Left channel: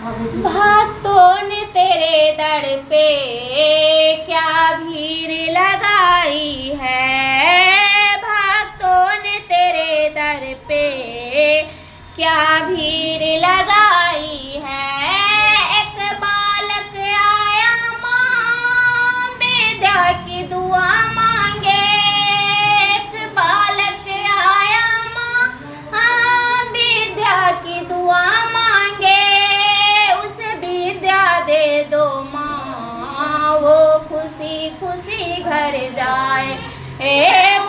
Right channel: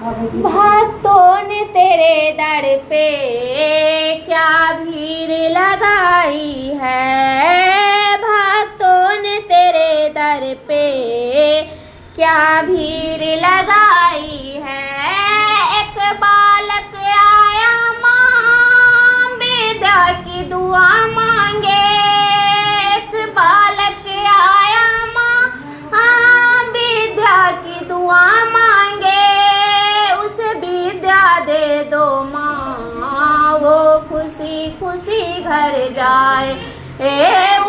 भक्तों ने तेरे दर पे क्या भीड़ लगाई है, भक्तों ने तेरे दर पे क्या भीड़ लगाई है। एक बालक आया माँ विद्या की दुआ मांगे, एक बालक आया माँ विद्या की दुआ मांगे, उसे विद्या दे दो माँ वो खुशी खुशी घर जाए,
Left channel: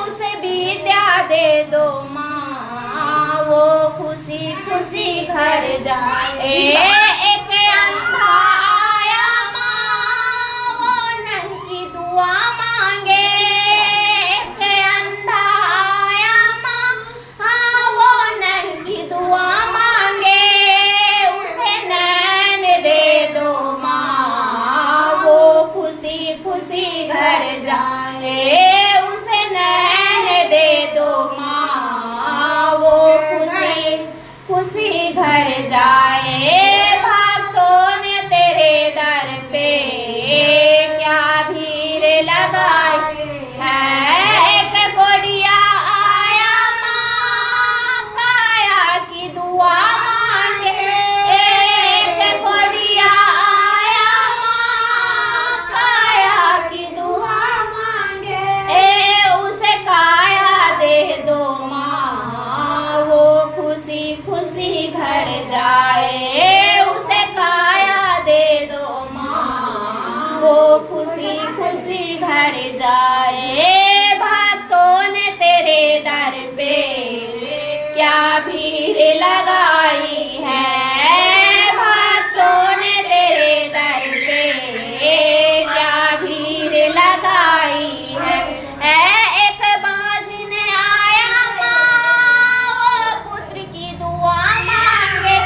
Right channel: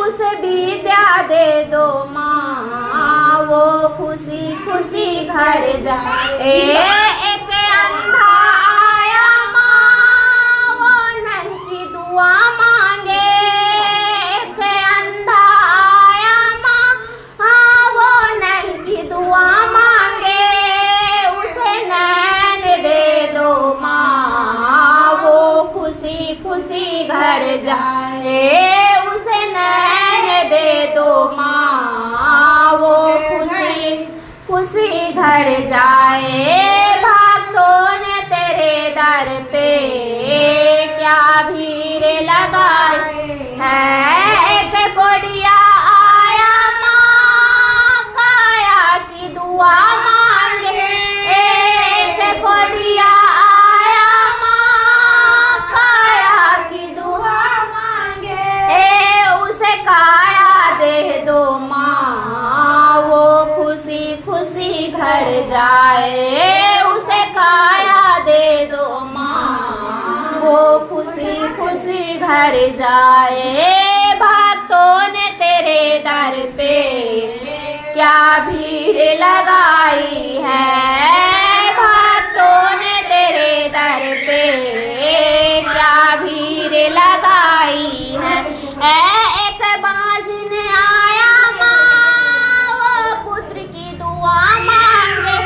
उसे विद्या दे दो माँ वो खुशी खुशी घर जाए। एक अंधा आया माँ वो नन की दुआ मांगे, एक अंधा आया माँ वो नन की दुआ मांगे, उसे नैन दे दो माँ वो खुशी खुशी घर जाए, उसे नैन दे दो माँ वो खुशी खुशी घर जाए। भक्तों ने तेरे दर पे क्या भीड़ लगाई है। एक कोढ़िया आया माँ काया की दुआ मांगे, एक कोढ़िया आया माँ काया की दुआ मांगे, उसे काया दे दो माँ वो खुशी खुशी घर जाए, उसे काया दे दो माँ वो खुशी खुशी घर जाए। भक्तों ने तेरे दर पे क्या भीड़ लगाई है, भक्तों ने तेरे दर पे क्या भीड़ लगाई है। एक बाझिन आया माँ वो पुत्र की दुआ मांगे,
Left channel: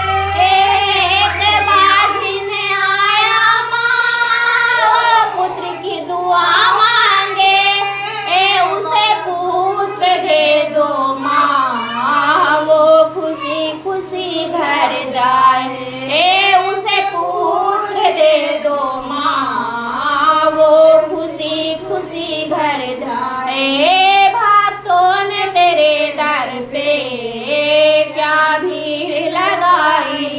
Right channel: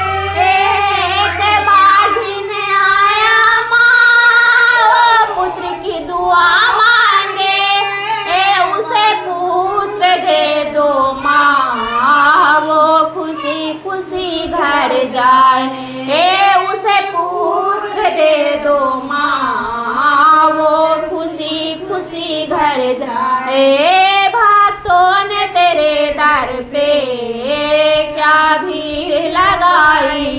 एक बाझिन आया माँ वो पुत्र की दुआ मांगे, उसे पुत्र दे दो माँ वो खुशी खुशी घर जाए, उसे पुत्र दे दो माँ वो खुशी खुशी घर जाए। भक्तों ने तेरे दर पे क्या भीड़ लगाई